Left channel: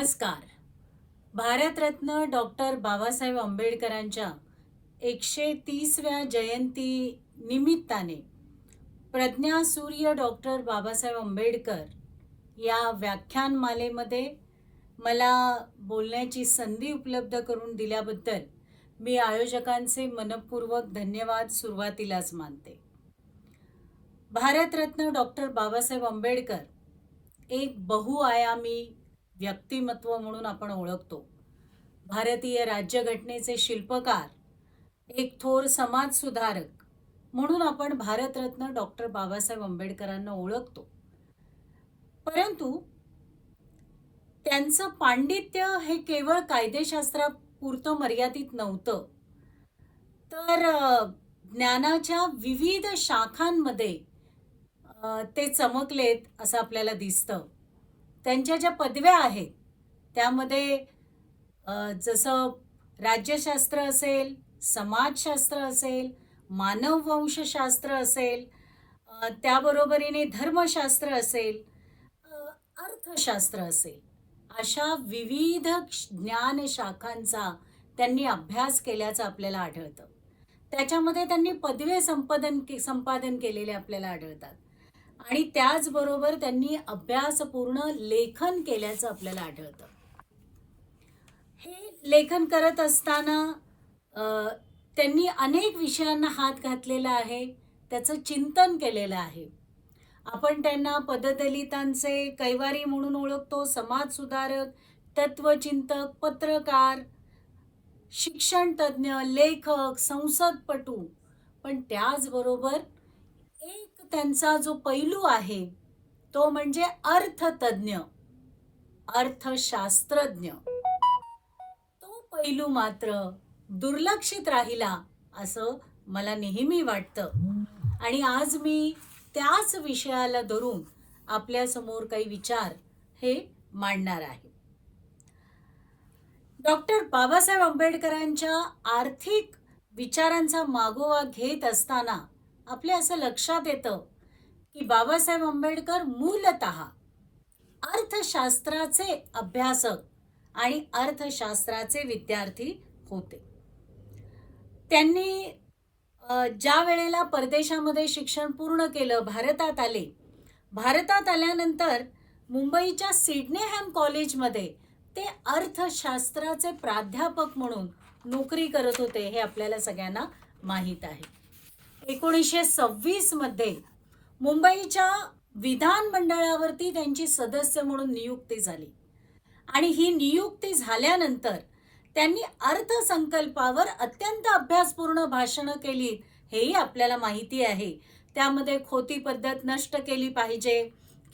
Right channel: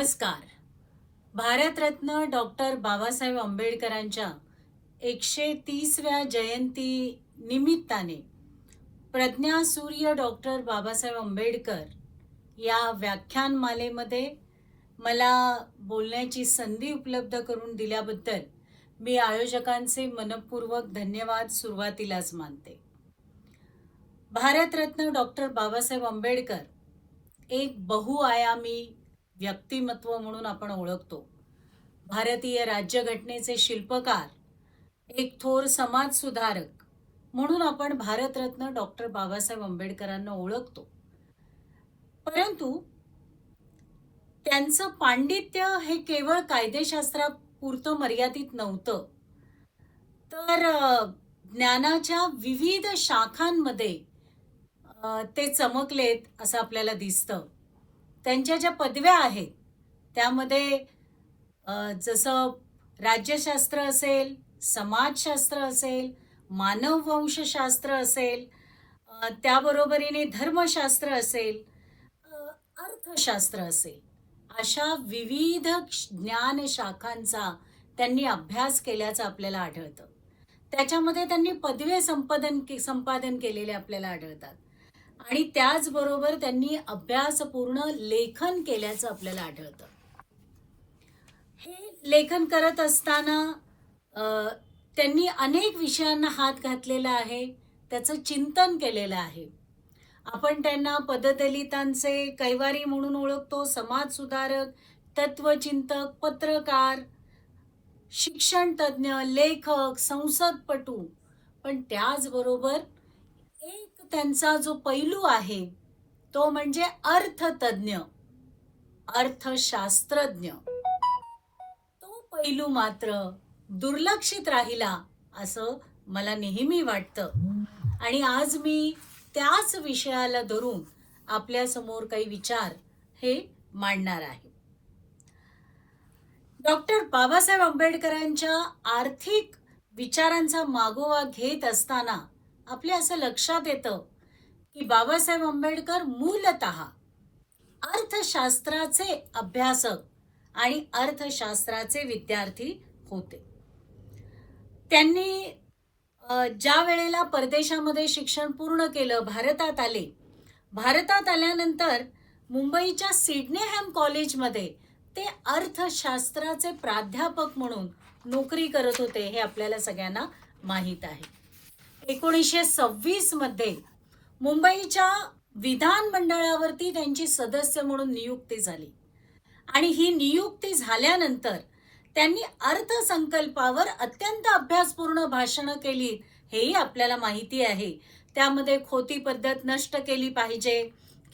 नमस्कार. भारतरत्न डॉक्टर बाबासाहेब आंबेडकरांच्या 130व्या जयंती निमित्ताने प्रज्ञा सूर्य डॉक्टर बाबासाहेब आंबेडकर या व्याख्यानमालेमध्ये मला बोलण्याची संधी उपलब्ध करून दिल्याबद्दल मी आयोजकांचे मनपूर्वक धन्यवाद सुरुवातीलाच मानते. भारतरत्न डॉक्टर बाबासाहेब आंबेडकर एक बहुआयामी व्यक्तिमत्व म्हणून आपण ओळखतो. भारतीय राज्यघटनेचे शिल्पकार, एक थोर समाज सुधारक म्हणून आपण भारतरत्न डॉक्टर बाबासाहेब आंबेडकरांना ओळखतो. परंतु त्यांचं पांडित्य हे केवळ कायदेशास्त्रापुरतं मर्यादित नव्हतं, तर ज्ञानाच्या विविध शाखांमध्ये ते चमकलेत असं आपल्याला दिसतं. त्यांच्या ज्या पदव्या आहेत त्यामध्ये जसं राज्यशास्त्र असेल, समाजशास्त्र असेल, मानववंशशास्त्र असेल, त्याबरोबरीने धर्मशास्त्र असेल, अर्थशास्त्र असेल, अशा विविध ज्ञान शाखांचा त्यांनी अभ्यास केल्याचं आपल्याला आढळतं. त्याच्यामध्ये त्यांनी पदवी संपादन केलेले आपल्याला आढळतात आणि त्याचबरोबर त्यांनी अभ्यासपूर्ण लेखन केल्याचं आपल्याला आढळतं. हे लेखन करत असताना त्यांनी अनेक विषयांना हात घातलेला आहे, त्याचं चिंतन केलेलं आहे. आपण त्यांना पददलितांचे कैवारी म्हणून ओळखतो, समाज सुधारक, तत्वचिंतक, पत्रकार, शिक्षण तज्ञ, लेखक, संसदपटू. पण त्याचबरोबर एक त्यांचा जो पैलू आहे तो म्हणजे अर्थतज्ञ, अर्थशास्त्रज्ञ. तो पैलू मात्र दुर्लक्षित राहिला असं मला नेहमी वाटतं आणि आज मी त्याच विषयाला धरून आपल्या समोर काही विचार हे मांडणार आहे. डॉक्टर बाबासाहेब आंबेडकरांच्या आर्थिक विचारांचा मागोवा घेत असताना आपल्या असं लक्षात येतं की बाबासाहेब आंबेडकर मूलतः अर्थशास्त्राचे अभ्यासक आणि अर्थशास्त्राचे विद्यार्थी होते. त्यांनी ज्या वेळेला परदेशामध्ये शिक्षण पूर्ण केलं, भारतात आल्यानंतर मुंबईच्या सिडनेहॅम कॉलेजमध्ये ते अर्थशास्त्राचे प्राध्यापक म्हणून नोकरी करत होते, हे आपल्याला सगळ्यांना माहीत आहे. 1926 मध्ये मुंबईच्या विधानमंडळावरती त्यांची सदस्य म्हणून नियुक्ती झाली आणि ही नियुक्ती झाल्यानंतर त्यांनी अर्थसंकल्पावर अत्यंत अभ्यासपूर्ण भाषणं केली, हेही आपल्याला माहिती आहे. त्यामध्ये खोटी पद्धत नष्ट केली पाहिजे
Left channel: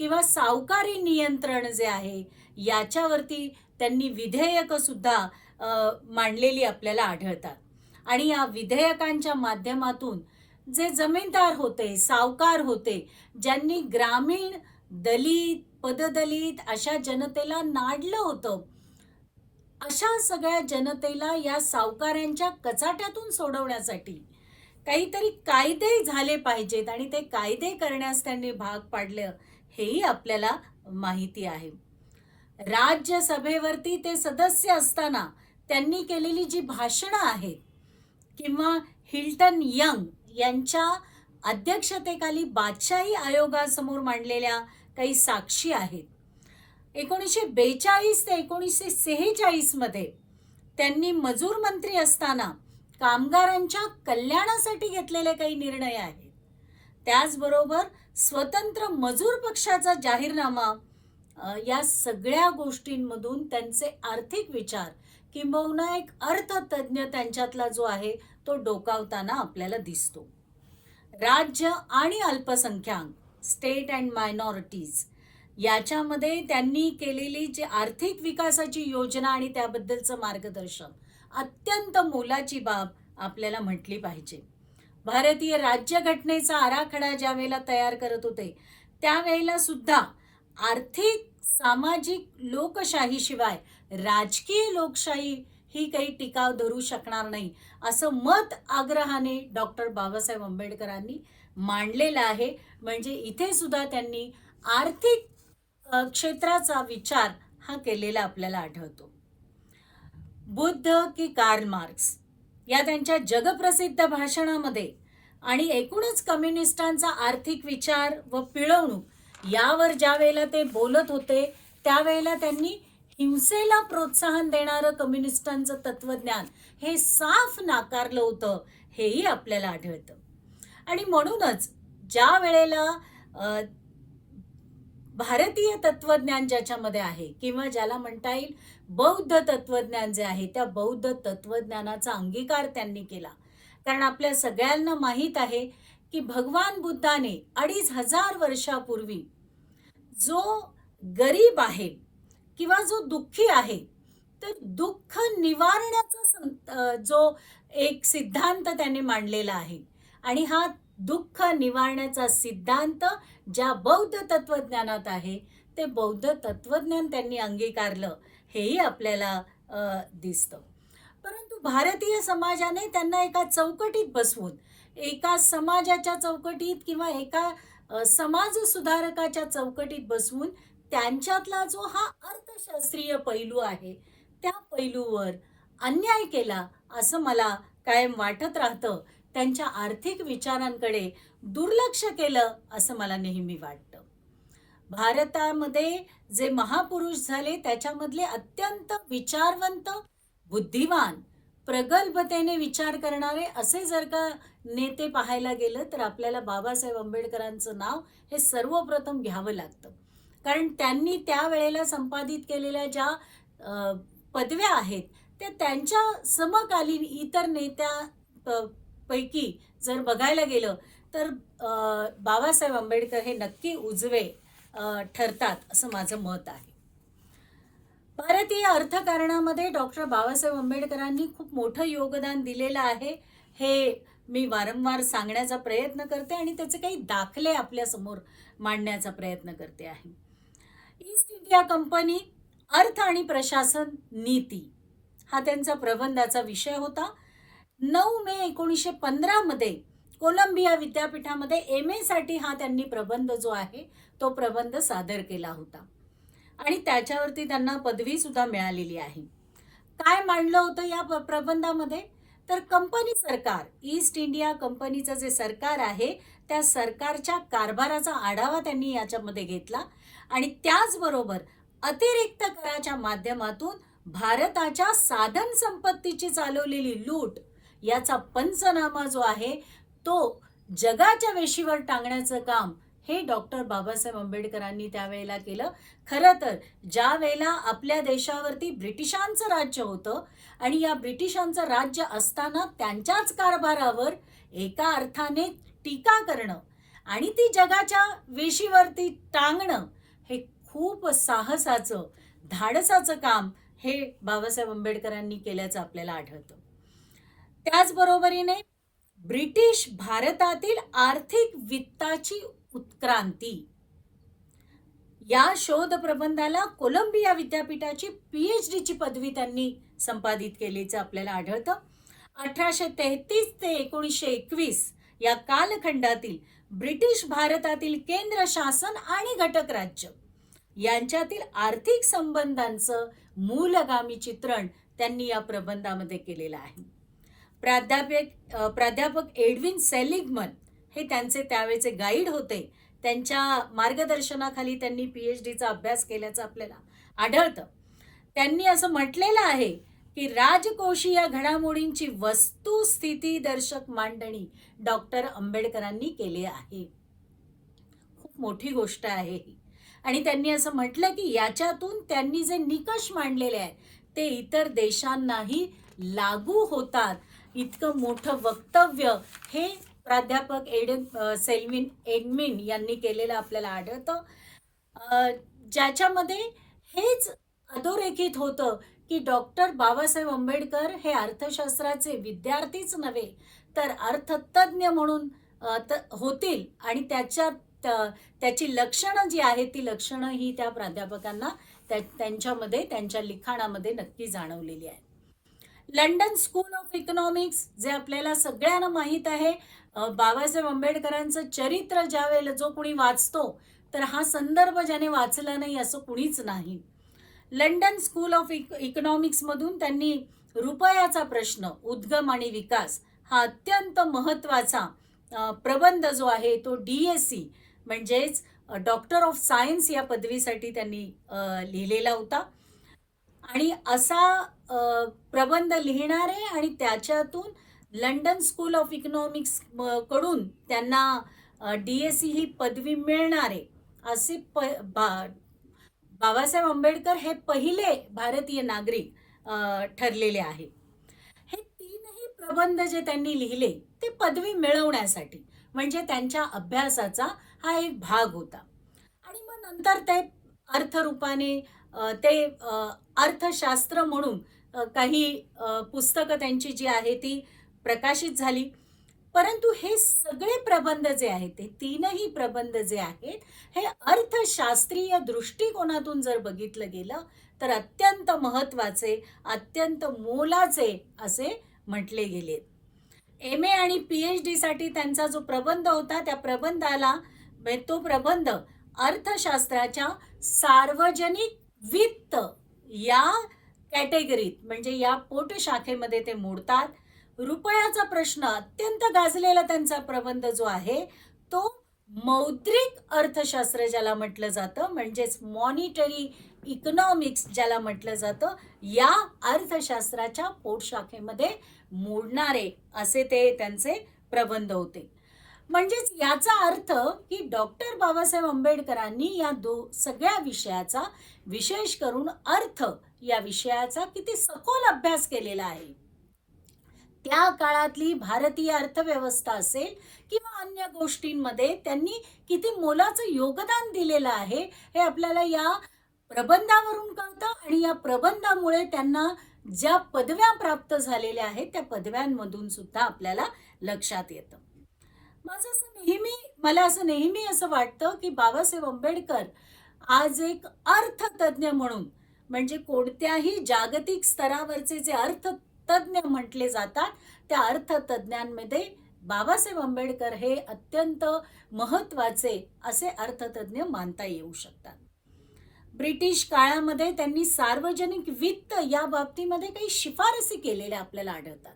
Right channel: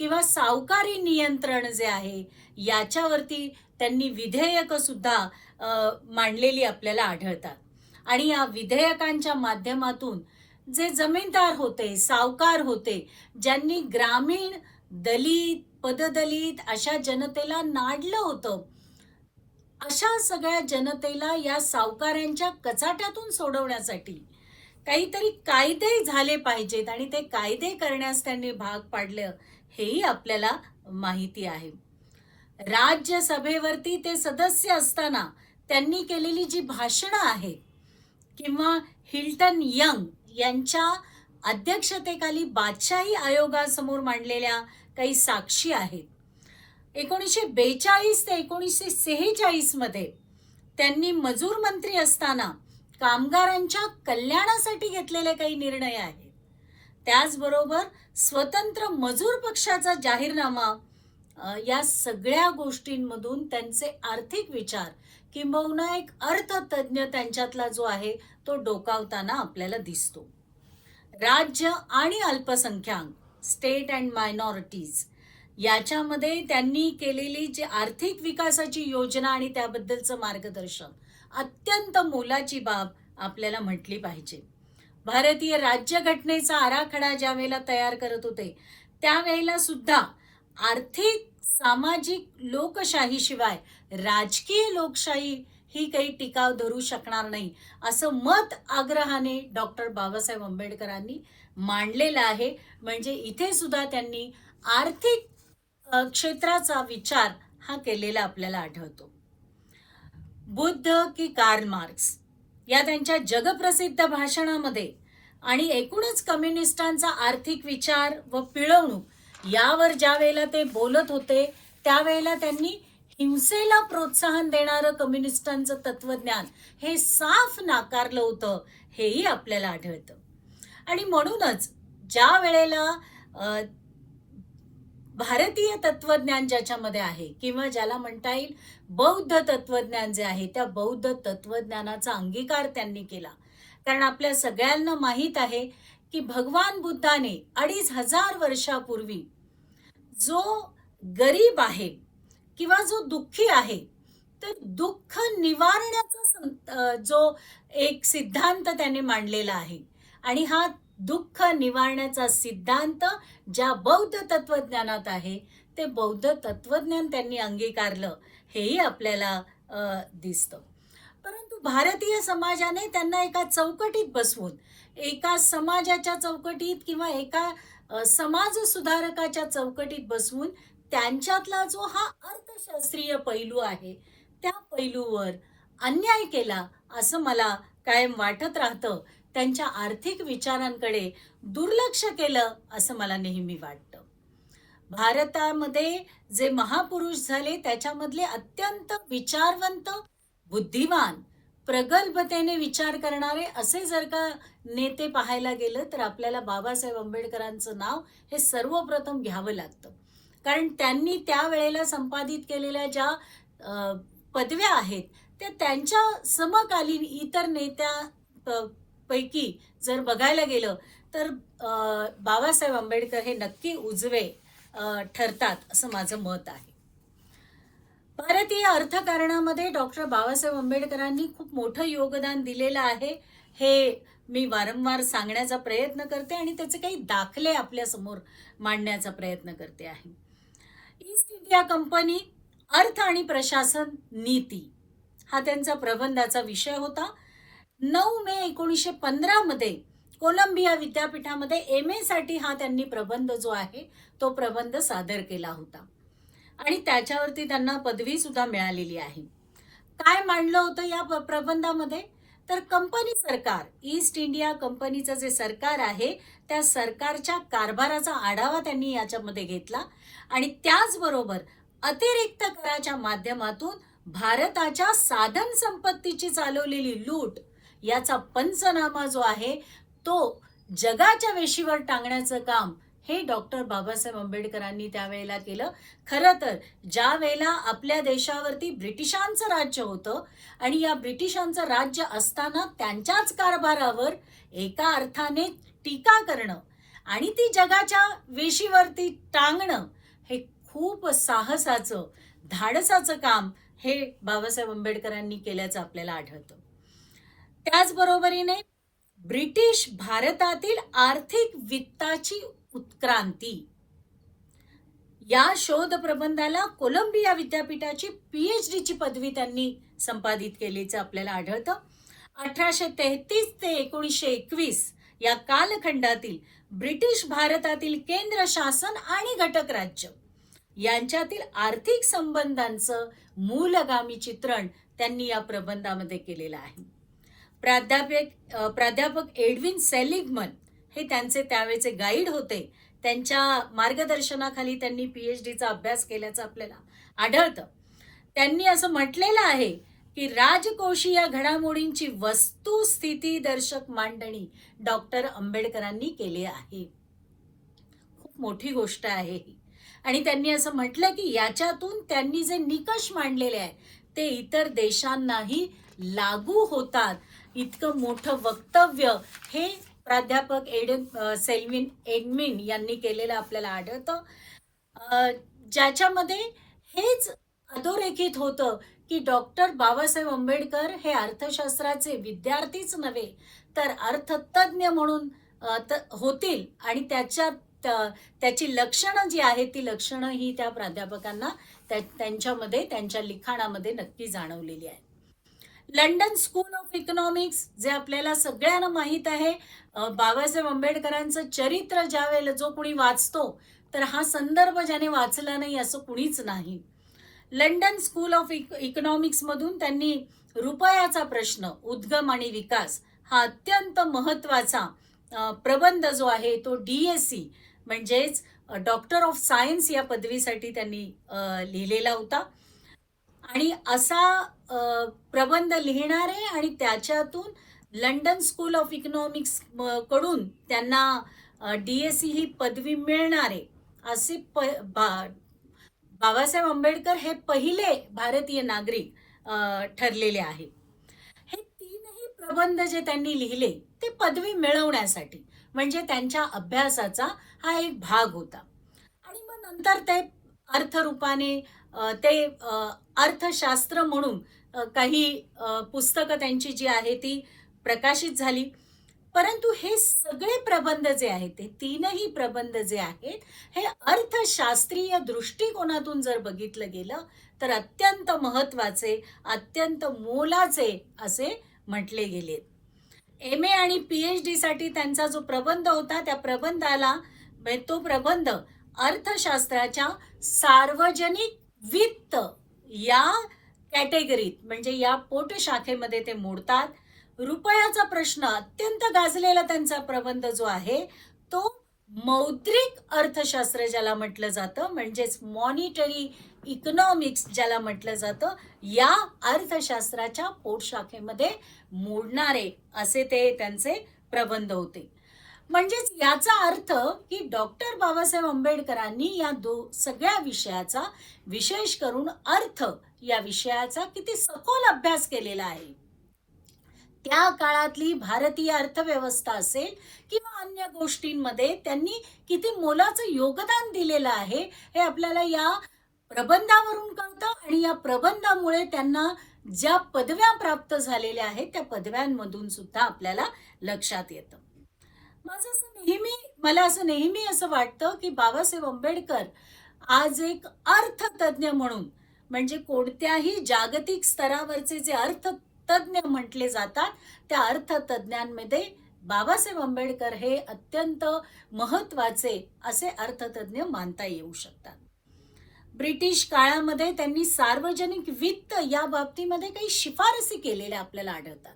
किंवा सावकारी नियंत्रण जे आहे याच्यावरती त्यांनी विधेयक सुद्धा मांडलेली आपल्याला आढळतात. आणि या विधेयकांच्या माध्यमातून जे जमीनदार होते, सावकार होते, ज्यांनी ग्रामीण, दलित, पददलित अशा जनतेला नाडलं होतं, अशा सगळ्या जनतेला या सावकारांच्या कचाट्यातून सोडवण्यासाठी काहीतरी कायदे झाले पाहिजेत आणि ते कायदे करण्यास त्यांनी भाग पाडलं, हेही आपल्याला माहिती आहे. राज्यसभेवरती ते सदस्य असताना त्यांनी केलेली जी भाषणं आहेत किंवा हिल्टन यंग यांच्या अध्यक्षतेखाली बादशाही आयोगासमोर मांडलेल्या काही साक्षी आहेत. 1942 ते 1946 मध्ये त्यांनी मजूर मंत्री असताना कामगारांच्या कल्याणासाठी घेतलेले काही निर्णय आहेत. त्याचबरोबर स्वतंत्र मजूर पक्षाचा जाहीरनामा, या सगळ्या गोष्टींमधून त्यांचे आर्थिक विचार किंबहुना एक अर्थतज्ञ त्यांच्यातला जो आहे तो डोकावताना आपल्याला दिसतो. राज्य आणि अल्पसंख्याक, स्टेट अँड मायनॉरिटीज, याच्यामध्ये त्यांनी केलेली जी आर्थिक विकासाची योजना आणि त्याबद्दलचं मार्गदर्शन अत्यंत मोलाची बाब आपल्याला म्हटली पाहिजे. भारतीय राज्यघटनेचा आराखडा ज्या वेळेला तयार करत होते त्यावेळेला सुद्धा आर्थिक, सामाजिक लोकशाहीशिवाय राजकीय लोकशाही ही काही टिकाव धरू शकणार नाही असं मत आग्रहाने डॉक्टर बाबासाहेब आंबेडकरांनी मांडलेलं आहे. म्हणजे इथे सुद्धा त्यांनी आर्थिक क्षेत्राचा विचार हा केलेला आपल्याला आढळतो. बुद्ध की कार्ल मार्क्स या त्यांच्या जगप्रसिद्ध भाषणामध्ये आणि एकूणच कम्युनिस्टांचा आर्थिक विचार व पिळवणूक यावर ज्या वेळेला ते बोलत होते त्यावेळेला त्यांनी हिंसेला प्रोत्साहन देणारं कम्युनिस्टांचं तत्वज्ञान हे साफ नाकारलं होतं, हेही आपल्याला आढळतं. आणि म्हणूनच ज्या वेळेला भारतीय तत्वज्ञान ज्याच्यामध्ये आहे किंवा ज्याला म्हणता येईल बौद्ध तत्वज्ञान जे आहे त्या बौद्ध तत्वज्ञानाचा अंगीकार त्यांनी केला. कारण आपल्या सगळ्यांना माहीत आहे की भगवान बुद्धाने 2500 वर्षापूर्वी जो गरीब आहे किंवा जो दुःखी आहे तर दुःख निवारण्याचा जो एक सिद्धांत त्यांनी मांडलेला आहे आणि हा दुःख निवारण्याचा सिद्धांत ज्या बौद्ध तत्वज्ञानात आहे ते बौद्ध तत्वज्ञान त्यांनी अंगीकारलं, हेही आपल्याला दिसतं. परंतु भारतीय समाजाने त्यांना एका चौकटीत बसवून, एका समाजाच्या चौकटीत किंवा एका समाज सुधारकाच्या चौकटीत बसवून त्यांच्यातला जो हा अर्थशास्त्रीय पैलू आहे त्या पैलूवर अन्याय केला असं मला कायम वाटत राहतं. त्यांच्या आर्थिक विचारांकडे दुर्लक्ष केलं असं मला नेहमी वाटतं. भारतामध्ये जे महापुरुष झाले त्याच्यामधले अत्यंत विचारवंत, बुद्धिमान, प्रगल्भतेने विचार करणारे असे जर का नेते पाहायला गेलं तर आपल्याला बाबासाहेब आंबेडकरांचं नाव हे सर्वप्रथम घ्यावं लागतं. कारण त्यांनी त्यावेळेला संपादित केलेल्या ज्या पदव्या आहेत त्या त्यांच्या समकालीन इतर नेत्या पैकी जर बघायला गेलं तर बाबासाहेब आंबेडकर हे नक्की उजवे ठरतात असं माझं मत आहे. भारतीय अर्थकारणामध्ये डॉक्टर बाबासाहेब आंबेडकरांनी खूप मोठं योगदान दिलेलं आहे हे मी वारंवार सांगण्याचा प्रयत्न करते आणि त्याचे काही दाखले आपल्या समोर मांडण्याचा प्रयत्न करते आहे. ईस्ट इंडिया कंपनी अर्थ आणि प्रशासन नीती हा त्यांचा प्रबंधाचा विषय होता. 9 मे 1915 मध्ये कोलंबिया विद्यापीठामध्ये MA साठी हा त्यांनी प्रबंध जो आहे तो प्रबंध सादर केला होता आणि त्याच्यावरती त्यांना पदवी सुद्धा मिळालेली आहे. काय मांडलं होतं या प्रबंधामध्ये तर कंपनी सरकार, ईस्ट इंडिया कंपनीचं जे सरकार आहे त्या सरकारच्या कारभाराचा आढावा त्यांनी याच्यामध्ये घेतला आणि त्याचबरोबर अतिरिक्त कराच्या माध्यमातून भारताच्या साधन संपत्तीची चालवलेली लूट याचा पंचनामा जो आहे तो जगाच्या वेशीवर टांगण्याचं काम हे डॉक्टर बाबासाहेब आंबेडकरांनी त्यावेळेला केलं. खरं तर ज्या वेळेला आपल्या देशावरती ब्रिटिशांचं राज्य होतं आणि या ब्रिटिशांचं राज्य असताना त्यांच्याच कारभारावर एका अर्थाने टीका करणं आणि ती जगाच्या वेशीवरती टांगणं हे खूप साहसाचं, धाडसाचं काम हे बाबासाहेब आंबेडकरांनी केल्याचं आपल्याला आढळतं. त्याचबरोबरीने ब्रिटिश भारतातील आर्थिक वित्ताची उत्क्रांती या शोध प्रबंधाला कोलंबिया विद्यापीठाची PhD ची पदवी त्यांनी संपादित केल्याचं आपल्याला आढळतं. 1833 ते 1921 या कालखंडातील ब्रिटिश भारतातील केंद्र शासन आणि घटक राज्य यांच्यातील आर्थिक संबंधांचं मूलगामी चित्रण त्यांनी या प्रबंधामध्ये केलेलं आहे. प्राध्यापक एडविन सेलिगमन हे त्यांचे त्यावेळेचे गाईड होते. त्यांच्या मार्गदर्शनाखाली त्यांनी PhD चा अभ्यास केल्याचं आपल्याला आढळतं. त्यांनी असं म्हटलेलं आहे की राजकोषीय घडामोडींची वस्तुस्थिती दर्शक मांडणी डॉक्टर आंबेडकरांनी केली आहे. खूप मोठी गोष्ट आहे ही. आणि त्यांनी असं म्हटलं की याच्यातून त्यांनी जे निकष मांडलेले आहे ते इतर देशांनाही लागू होतात. इतकं मोठं वक्तव्य हे प्राध्यापक एडमिन यांनी केलेलं आपल्याला आढळतं. ज्याच्यामध्ये हेच अधोरेखित होतं की डॉक्टर बाबासाहेब आंबेडकर हे अर्थशास्त्राचे विद्यार्थीच नव्हे तर अर्थतज्ञ म्हणून होतील आणि त्याची लक्षणं जी आहेत ती लक्षणं ही त्या प्राध्यापकांना त्यांच्यामध्ये त्यांच्या लिखाणामध्ये नक्की जाणवलेली आहे. लंडन स्कूल ऑफ इकॉनॉमिक्स जे आपल्याला सगळ्यांना माहीत आहे. बाबासाहेब आंबेडकरांचं चरित्र ज्या वेळेला जो कुणी वाचतो तर हा संदर्भ ज्याने वाचला नाही असं कुणीच नाही. लंडन स्कूल ऑफ इकॉनॉमिक्स मधून त्यांनी रुपयाचा प्रश्न, उद्गम आणि विकास हा अत्यंत महत्वाचा प्रबंध जो आहे तो DSc म्हणजेच डॉक्टर ऑफ सायन्स या पदवीसाठी त्यांनी लिहिलेला होता. आणि असा प्रबंध लिहिणारे आणि त्याच्यातून लंडन स्कूल ऑफ इकॉनॉमिक्स कडून त्यांना DSc ही पदवी मिळणारे असे बाबासाहेब आंबेडकर हे पहिले भारतीय नागरिक ठरलेले आहेत. हे तीनही प्रबंध जे त्यांनी लिहिले ते पदवी मिळवण्यासाठी म्हणजे त्यांच्या अभ्यासाचा हा एक भाग होता. आणि मग नंतर ते अर्थरूपाने ते अर्थशास्त्र म्हणून काही पुस्तकं त्यांची जी आहे ती प्रकाशित झाली. परंतु हे सगळे प्रबंध जे आहेत ते तीनही प्रबंध जे आहेत हे अर्थशास्त्रीय दृष्टिकोनातून जर बघितलं गेलं तर अत्यंत महत्वाचे, अत्यंत मोलाचे असे म्हटले गेले. MA आणि PhD साठी त्यांचा जो प्रबंध होता त्या प्रबंधाला तो प्रबंध अर्थशास्त्राच्या सार्वजनिक वित्त या कॅटेगरीत म्हणजे या पोटशाखेमध्ये ते मोडतात. रुपयाचा प्रश्न अत्यंत गाजलेला त्यांचा प्रबंध जो आहे तो मौद्रिक अर्थशास्त्र ज्याला म्हटलं जातं म्हणजेच मॉनिटरी इकॉनॉमिक्स ज्याला म्हटलं जातं या अर्थशास्त्राच्या पोटशाखेमध्ये मोडणारे असे ते त्यांचे प्रबंध होते. म्हणजेच याचा अर्थ की डॉक्टर बाबासाहेब आंबेडकरांनी या सगळ्या विषयाचा विशेष करून अर्थ या विषयाचा किती सखोल अभ्यास केलेला आहे. त्या काळातली भारतीय अर्थव्यवस्था असेल किंवा अन्य गोष्टींमध्ये त्यांनी किती मोलाचं योगदान दिलेलं आहे हे आपल्याला या प्रबंधावरून कळतं. आणि या प्रबंधामुळे त्यांना ज्या पदव्या प्राप्त झालेल्या आहेत त्या पदव्यांमधून सुद्धा आपल्याला लक्षात येतं. मला असं नेहमी असं वाटतं की बाबासाहेब आंबेडकर आज एक अर्थतज्ञ म्हणून म्हणजे कोणत्याही जागतिक स्तरावरचे जे अर्थतज्ञ म्हटले जातात त्या अर्थतज्ञांमध्ये बाबासाहेब आंबेडकर हे अत्यंत महत्वाचे असे अर्थतज्ञ मानता येऊ शकतात. ब्रिटिश काळामध्ये त्यांनी सार्वजनिक वित्त या बाबतीमध्ये काही शिफारसी केलेल्या आपल्याला आढळतात.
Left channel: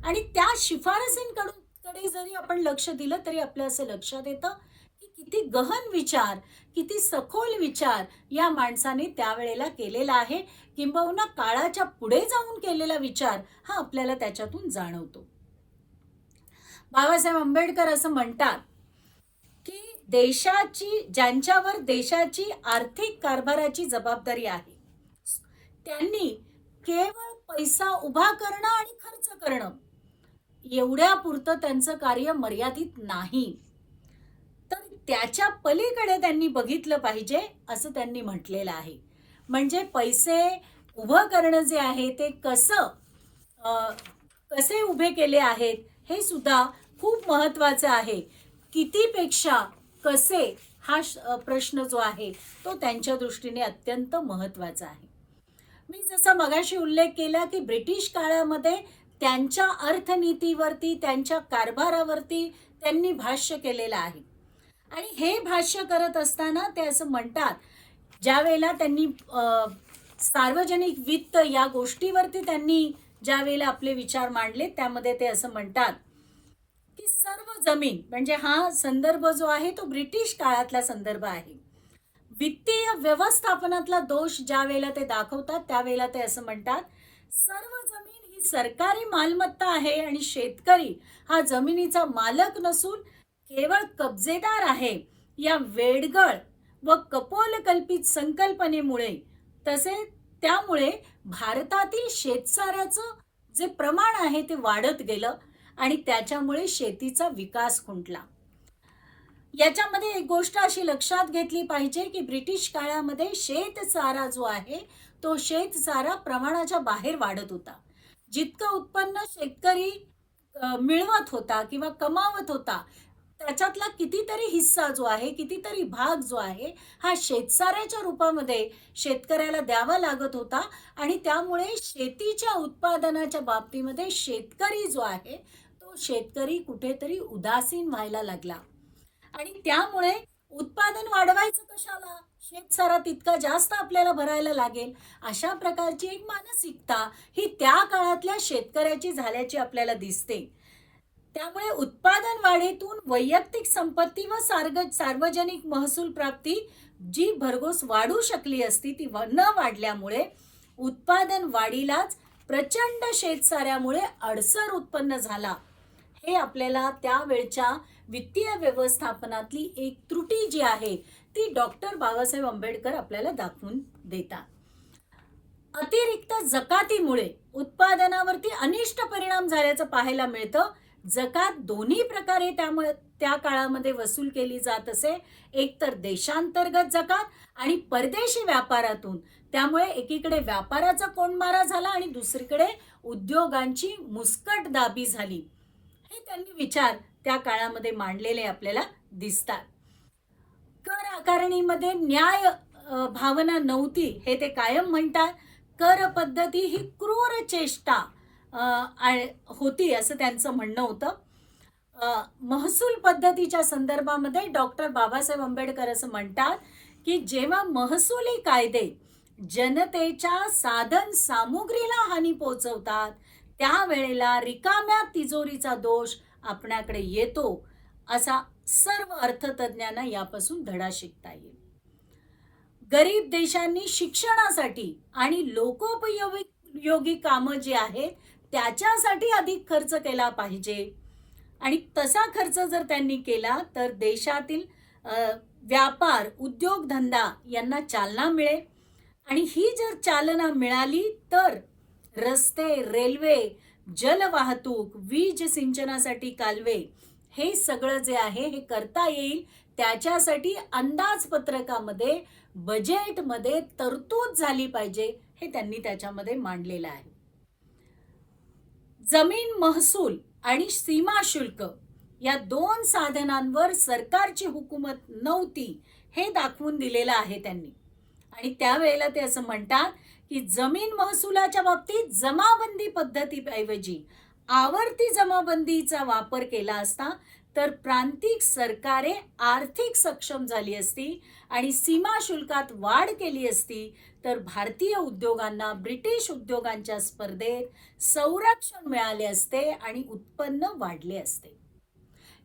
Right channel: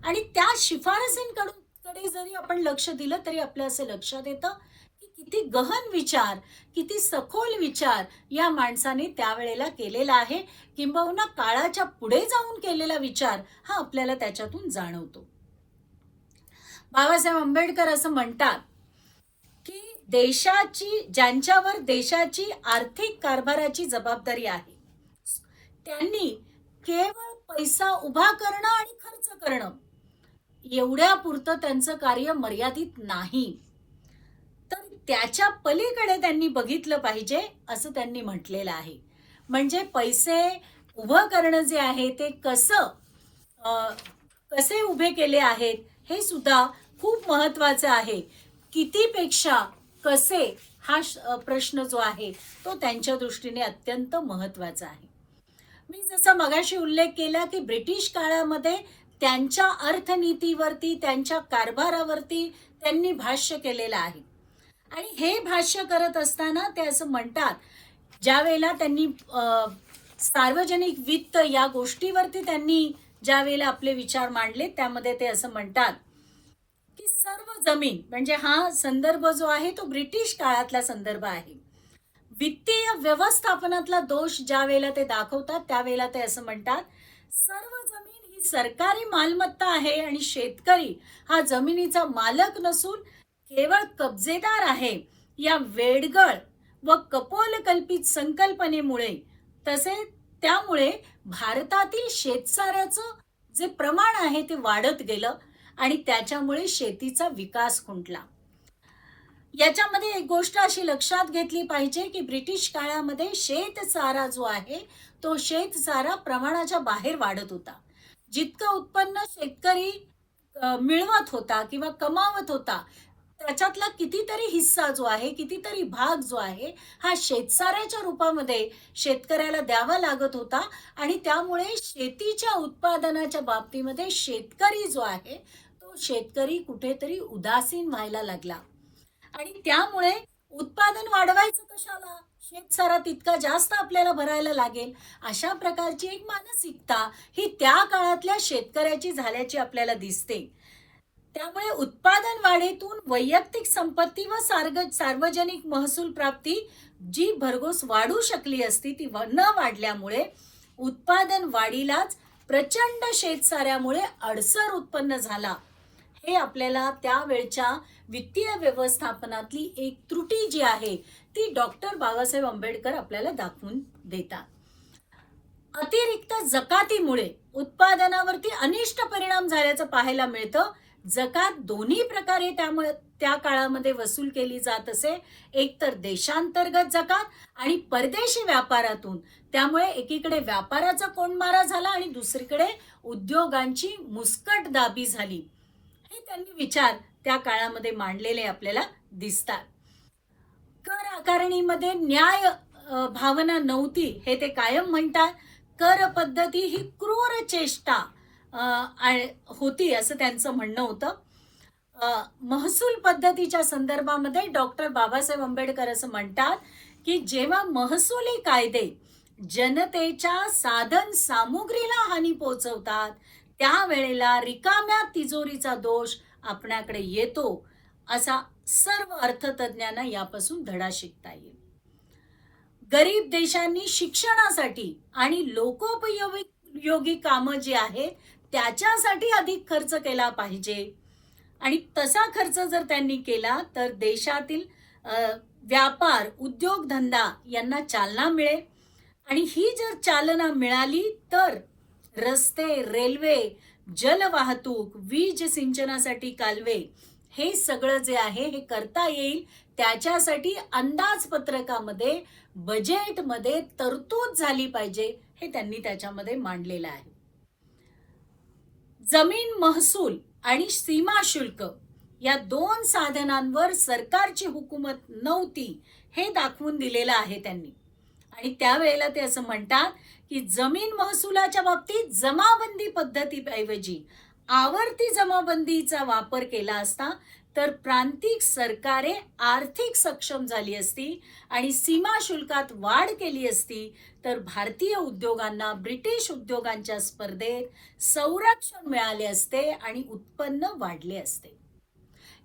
आणि त्या शिफारसींकडे जरी आपण लक्ष दिलं तरी आपल्या असं लक्षात येतं की किती गहन विचार, किती सखोल विचार या माणसाने त्यावेळेला केलेला आहे. किंबहुना काळाच्या पुढे जाऊन केलेला विचार हा आपल्याला त्याच्यातून जाणवतो. बाबासाहेब आंबेडकर असं म्हणतात की ज्यांच्यावर देशाची आर्थिक कारभाराची जबाबदारी आहे त्यांनी केवळ पैसा उभा करणं आणि खर्च करणं एवढ्यापुरतं त्यांचं कार्य मर्यादित नाही तर त्याच्या पलीकडे त्यांनी बघितलं पाहिजे असं त्यांनी म्हटलेलं आहे. म्हणजे पैसे उभं करणं जे आहे ते कसे उभे केले आहेत हे सुद्धा खूप महत्वाचं आहे. कितीपेक्षा कसे हा प्रश्न जो आहे तो त्यांच्या दृष्टीने अत्यंत महत्वाचा आहे. मी जसा मगाशी उल्लेख केला की ब्रिटिश काळामध्ये त्यांच्या अर्थनीतीवरती त्यांच्या कारभारावरती त्यांनी भाष्य केलेलं आहे. आणि हे भाष्य करत असताना ते असं म्हणतात ज्या वेळेला त्यांनी सार्वजनिक वित्त या गोष्टीवरती त्यांनी ज्या वेळेला आपले विचार मांडले त्यामध्ये ते असं म्हणतात की सर्व जमीन म्हणजे हा संदर्भ जो आहे तो ब्रिटिश काळातला संदर्भ आहे. वित्तीय व्यवस्थापनातला दोष ज्या वेळेला ते दाखवतात त्यावेळेला ते असं म्हणतात सर्व जमीन ही सरकारी मालमत्ता आहे आणि शेतकरी हा जमिनीचा मालक नसून केवळ कब्जेदार आहे. या वेडगळ व कपोलकल्पित संकल्पनेमुळे तसेच त्यामुळे भारतातील शेतसाऱ्याचं जे प्रमाण आहे ते वाढत गेलं आणि त्याच्यामुळे शेतीचा विकास खुंटला. याच्यामध्ये एक गोष्ट अशी लक्षात घेतली पाहिजे की ब्रिटिश काळामध्ये शेतसारा जो आहे तो शेतसारा प्रमाणाच्या बाहेर वाढत होता. जितकं उत्पन्न शेतकरी मिळवत होता किंवा कमावत होता त्याच्यातला कितीतरी हिस्सा जो आहे, कितीतरी भाग जो आहे हा शेतसाऱ्याच्या रूपामध्ये शेतकऱ्याला द्यावा लागत होता. आणि त्यामुळे शेतीच्या उत्पादनाच्या बाबतीमध्ये शेतकरी जो आहे तो शेतकरी कुठेतरी उदासीन व्हायला लागला. आणि त्यामुळे उत्पादन वाढवायचं कशाला, शेतसारा तितका जास्त आपल्याला भरायला लागेल, अशा प्रकारची एक मानसिकता ही त्या काळातल्या शेतकऱ्याची झाल्याची आपल्याला दिसते. त्यामुळे उत्पादन वाढीतून वैयक्तिक संपत्ती व सार्वजनिक महसूल प्राप्ती जी भरघोस वाढू शकली असती ती न वाढल्यामुळे उत्पादन वाढीलाच प्रचंड शेतसाऱ्यामुळे अडसर उत्पन्न झाला. हे आपल्याला त्यावेळच्या वित्तीय व्यवस्थापनातली एक त्रुटी जी आहे ती डॉक्टर बाबासाहेब आंबेडकर आपल्याला दाखवून देतात. अतिरिक्त जकातीमुळे उत्पादनावरती अनिष्ट परिणाम झाल्याचं पाहायला मिळतं. जकात दोन्ही प्रकारे त्यामुळे त्या काळामध्ये वसूल केली जात असे, एक तर देशांतर्गत जकात आणि परदेशी व्यापारातून. त्यामुळे एकीकडे व्यापाराचा कोंडमारा झाला आणि दुसरीकडे उद्योगांची मुस्कटदाबी झाली. हे त्यांनी विचार त्या काळामध्ये मांडलेले आपल्याला दिसतात. कर आकारणीमध्ये न्याय भावना नव्हती हे ते कायम म्हणतात. कर पद्धती ही क्रूर चेष्टा होती असं त्यांचं म्हणणं होतं. महसूल पद्धतीच्या संदर्भामध्ये डॉक्टर बाबासाहेब आंबेडकर असं म्हणतात की जेव्हा महसुली कायदे जनतेच्या साधन सामुग्रीला हानी पोहोचवतात त्यावेळेला रिकाम्या तिजोरीचा दोष आपल्याकडे येतो, असा सर्व अर्थतज्ञांना यापासून धडा शिकता येईल. गरीब देशांनी शिक्षणासाठी आणि लोकोपयोगी कामं जी आहेत त्याच्यासाठी अधिक खर्च केला पाहिजे आणि तसा खर्च जर त्यांनी केला तर देशातील व्यापार उद्योगधंदा यांना चालना मिळेल आणि ही जर चालना मिळाली तर रस्ते, रेल्वे, जलवाहतूक, वीज सिंचनासाठी कालवे हे सगळं जे आहे हे करता येईल. त्याच्यासाठी अंदाजपत्रकामध्ये बजेटमध्ये तरतूद झाली पाहिजे हे त्यांनी त्याच्यामध्ये मांडलेलं आहे. जमीन महसूल आणि सीमा शुल्क या दोन साधनांवर सरकारची हुकूमत नव्हती हे दाखवून दिलेलं आहे त्यांनी. आणि त्यावेळेला ते असं म्हणतात की जमीन महसुलाच्या बाबतीत जमाबंदी पद्धतीऐवजी आवर्ती जमाबंदीचा वापर केला असता तर प्रांतिक सरकारे आर्थिक सक्षम झाली असती आणि सीमा शुल्कात वाढ केली असती तर भारतीय उद्योगांना ब्रिटिश उद्योगांच्या स्पर्धेत संरक्षण मिळाले असते आणि उत्पन्न वाढले असते.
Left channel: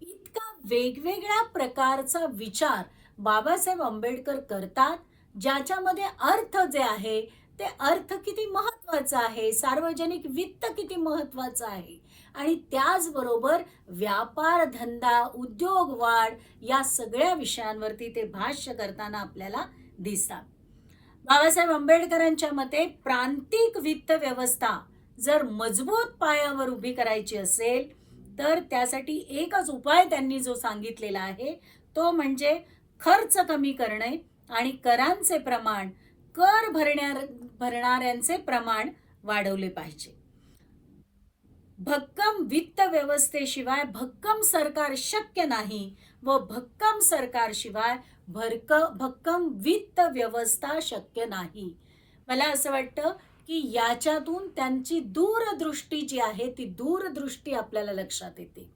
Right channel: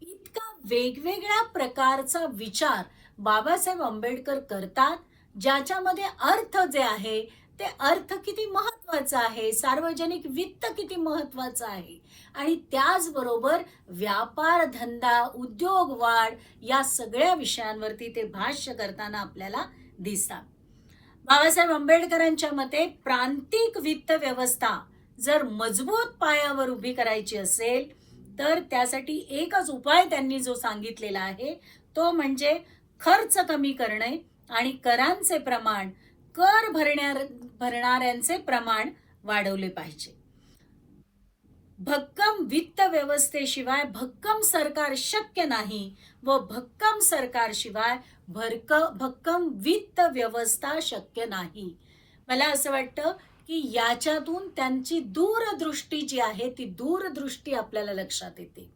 इतका वेगवेगळ्या प्रकारचा विचार बाबासाहेब आंबेडकर करतात, ज्याच्यामध्ये अर्थ जे आहे ते अर्थ किती महत्वाचा आहे, सार्वजनिक वित्त किती महत्वाचं आहे आणि त्याचबरोबर व्यापार धंदा, उद्योग वाढ या सगळ्या विषयांवरती ते भाष्य करताना आपल्याला दिसतात. बाबासाहेब आंबेडकरांच्या मते प्रांतिक वित्त व्यवस्था जर मजबूत पायावर उभी करायची असेल तर त्यासाठी एकच उपाय त्यांनी जो सांगितलेला आहे तो म्हणजे खर्च कमी करणे आणि करांचे प्रमाण, कर भरणाऱ्यांचे प्रमाण वाढवले पाहिजे. भक्कम वित्त व्यवस्थेशिवाय भक्कम सरकार शक्य नाही व भक्कम सरकारशिवाय भक्कम वित्त व्यवस्था शक्य नाही. मला असं वाटतं की याच्यातून त्यांची दूरदृष्टी जी आहे ती दूरदृष्टी आपल्याला लक्षात येते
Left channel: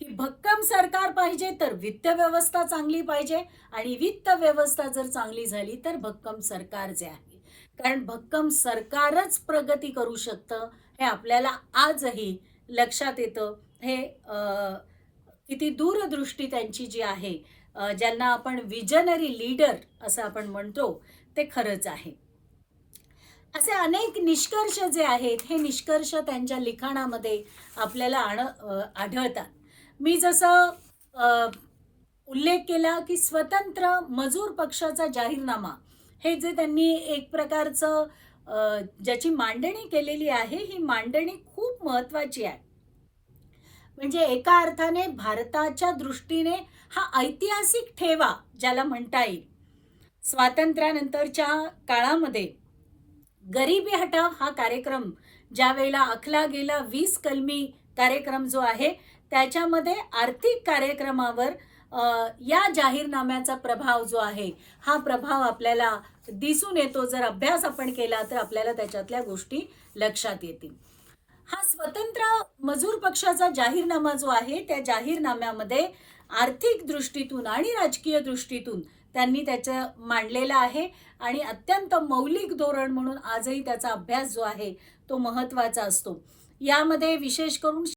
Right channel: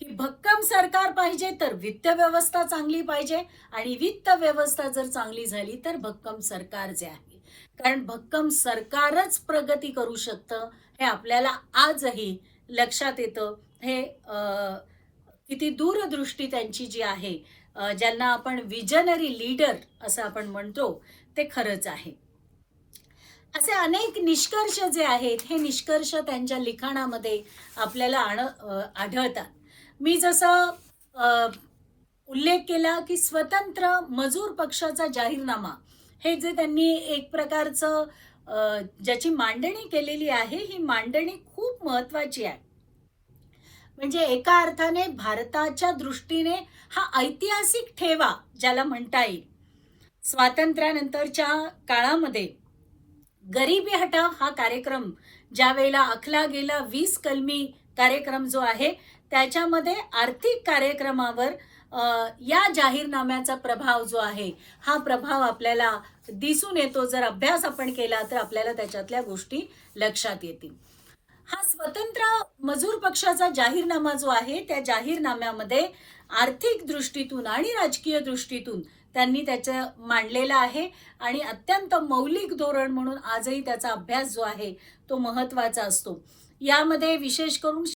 की भक्कम सरकार पाहिजे तर वित्त व्यवस्था चांगली पाहिजे आणि वित्त व्यवस्था जर चांगली झाली तर भक्कम सरकार जे आहे, कारण भक्कम सरकारच प्रगती करू शकतं हे आपल्याला आजही लक्षात येतं. हे किती दूरदृष्टी त्यांची जी आहे, ज्यांना आपण विजनरी लीडर असं आपण म्हणतो, ते खरंच आहे. असे अनेक निष्कर्ष जे आहेत हे निष्कर्ष त्यांच्या लिखाणामध्ये आपल्याला आढळतात. मी जसा उल्लेख केला की स्वतंत्र मजूर पक्षाचा जाहीरनामा हे जे त्यांनी एक प्रकारचं ज्याची मांडणी केलेली आहे, ही मांडणी खूप महत्वाची आहे. म्हणजे एका अर्थाने भारताच्या दृष्टीने हा ऐतिहासिक ठेवा ज्याला म्हणता येईल. स्वातंत्र्यानंतरच्या काळामध्ये गरिबी हटाव हा कार्यक्रम ज्या वेळेला आखला गेला, 20 कलमी कार्यक्रम जो आहे त्याच्यामध्ये आर्थिक कार्यक्रमावर या जाहीरनाम्याचा प्रभाव जो आहे हा प्रभाव आपल्याला दिसून येतो. जर अभ्यास आपण केला तर आपल्याला त्याच्यातल्या गोष्टी लक्षात येतील. हा स्वतंत्र मजूर पक्षाचा जाहीरनामा जो आहे त्या जाहीरनाम्यामध्ये आर्थिक दृष्टीतून आणि राजकीय दृष्टीतून त्यांनी त्याचं मांडलेलं आहे आणि अत्यंत मौलिक धोरण म्हणून आजही त्याचा अभ्यास जो आहे तो महत्त्वाचा असतो. यामध्ये विशेष करून